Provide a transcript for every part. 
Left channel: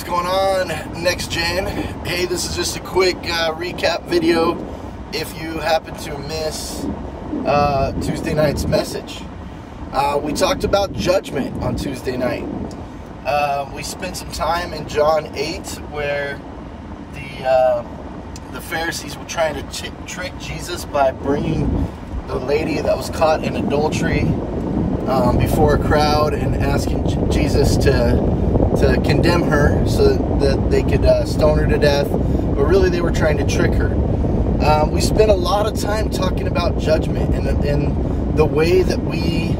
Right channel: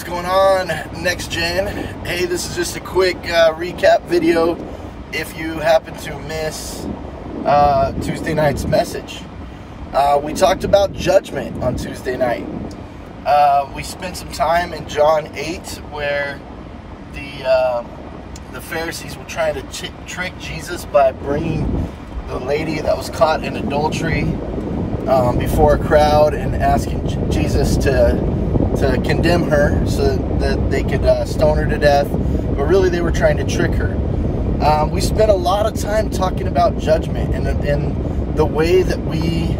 What's going on, NXTGEN? Hey, this is just a quick recap video if you happen to miss Tuesday night's message. We talked about judgment on Tuesday night. We spent some time in John 8 where the Pharisees were trying to trick Jesus by bringing the lady that was caught in adultery before a crowd and asking Jesus to condemn her so that they could stone her to death, but really they were trying to trick her. We spent a lot of time talking about judgment and the way that we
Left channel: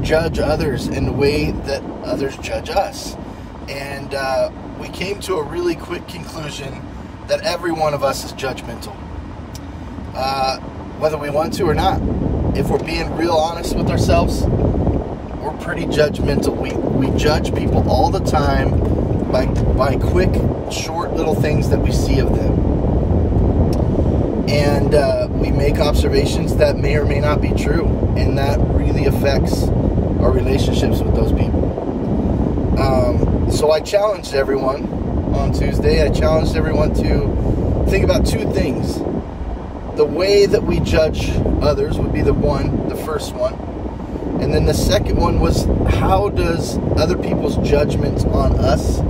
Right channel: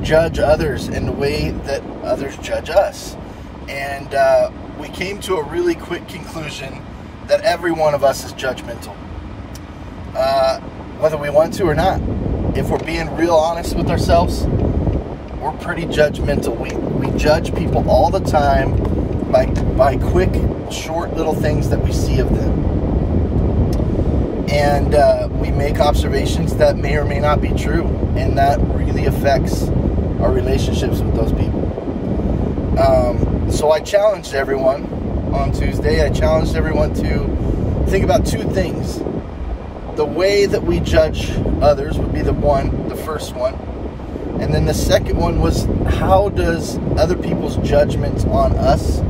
judge others and the way that others judge us. And we came to a really quick conclusion that every one of us is judgmental. Whether we want to or not. If we're being real honest with ourselves, we're pretty judgmental. We judge people all the time by quick, short little things that we see of them. And we make observations that may or may not be true. And that really affects our relationships with those people. So I challenged everyone on Tuesday. I challenged everyone to think about two things. The way that we judge others would be the first one. And then the second one was, how does other people's judgments on us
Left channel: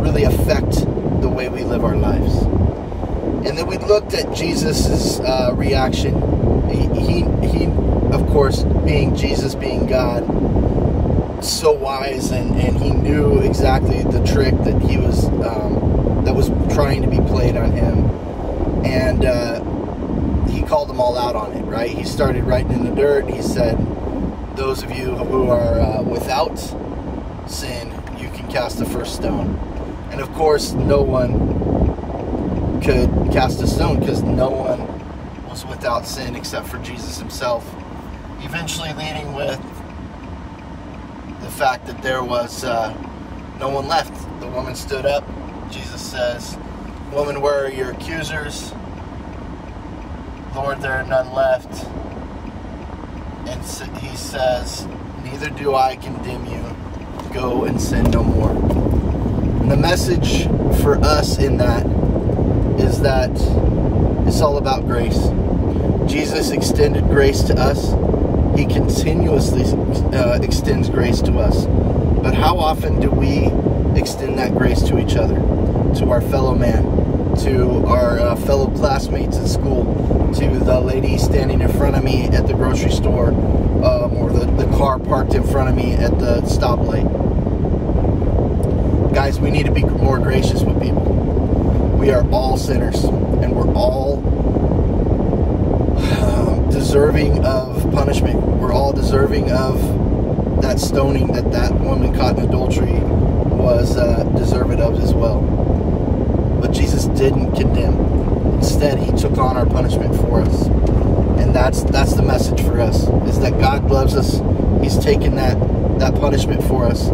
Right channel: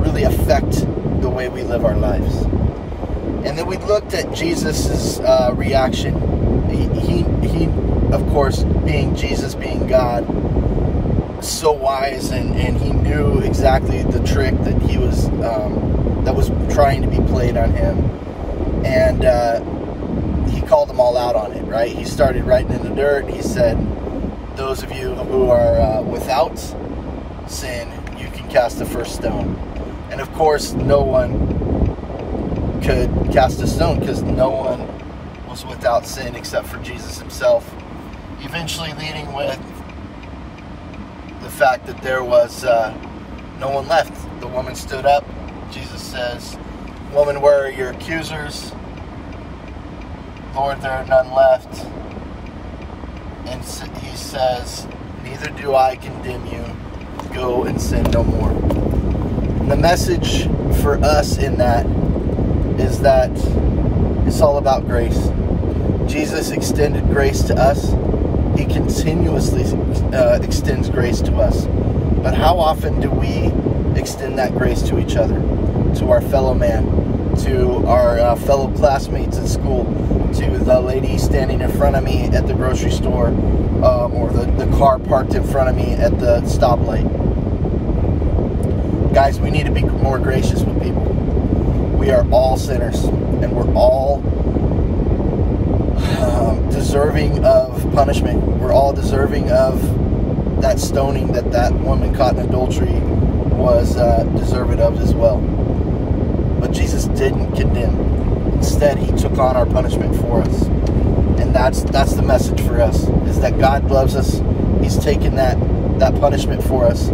really affect the way we live our lives? And then we looked at Jesus's reaction. He, of course, being Jesus, being God, so wise, and he knew exactly the trick that he was that was trying to be played on him, and he called them all out on it. Right? He started writing in the dirt. He said, "Those of you who are without sin, you can cast the first stone." And of course, no one could cast a stone because no one was without sin except for Jesus himself. Eventually leading with the fact that there was no one left. The woman stood up. Jesus says, "Woman, where are your accusers?" "Lord, there are none left." And he says, "Neither do I condemn you. Go and sin no more." And the message for us in that is that it's all about grace. Jesus extended grace to us. He continuously extends grace to us. But how often do we extend that grace to each other, to our fellow man, to our fellow classmates at school, to the lady standing in front of me at the grocery store, or the car parked in front of me at the stoplight? Guys, we need to be more gracious with people. We are all sinners, and we're all deserving of punishment. We're all deserving of that stoning that woman caught in adultery was deserving of as well. But Jesus didn't condemn. Instead, he took on our punishment for us. And that's the message for us, is that God loves us. He's taken that punishment for us.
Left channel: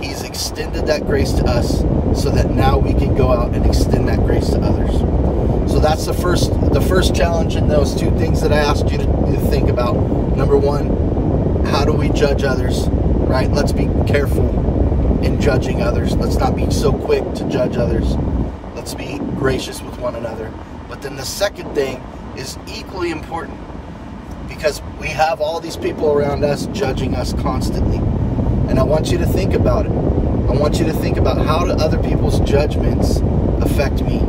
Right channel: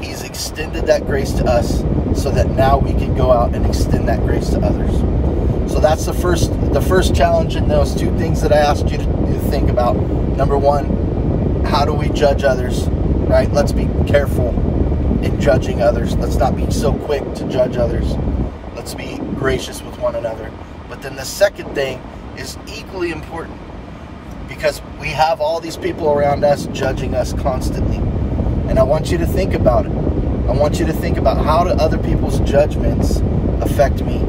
He's extended that grace to us so that now we can go out and extend that grace to others. So that's the first challenge in those two things that I asked you to think about. Number one, how do we judge others, right? Let's be careful in judging others. Let's not be so quick to judge others. Let's be gracious with one another. But then the second thing is equally important, because we have all these people around us judging us constantly. And I want you to think about it. I want you to think about, how do other people's judgments affect me?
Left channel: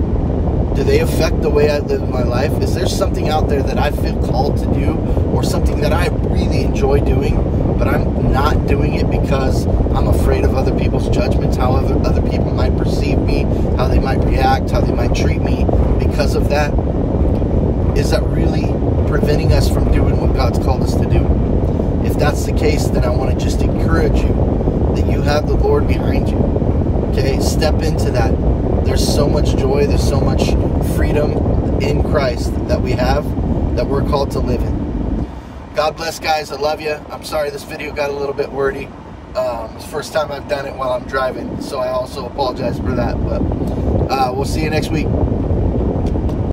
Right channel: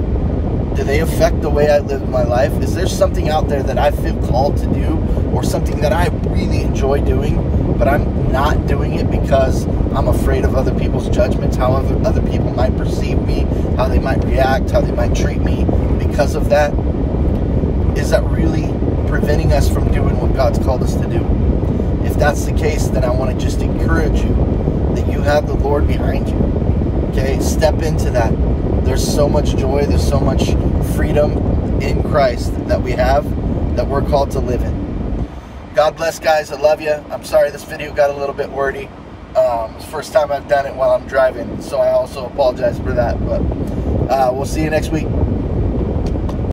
Do they affect the way I live my life? Is there something out there that I feel called to do, or something that I really enjoy doing, but I'm not doing it because I'm afraid of other people's judgments, how other people might perceive me, how they might react, how they might treat me because of that? Is that really preventing us from doing what God's called us to do? If that's the case, then I want to just encourage you that you have the Lord behind you. Okay, step into that. There's so much joy, there's so much freedom in Christ that we have, that we're called to live in. God bless, guys. I love you. I'm sorry this video got a little bit wordy. It's the first time I've done it while I'm driving, so I also apologize for that. But we'll see you next week.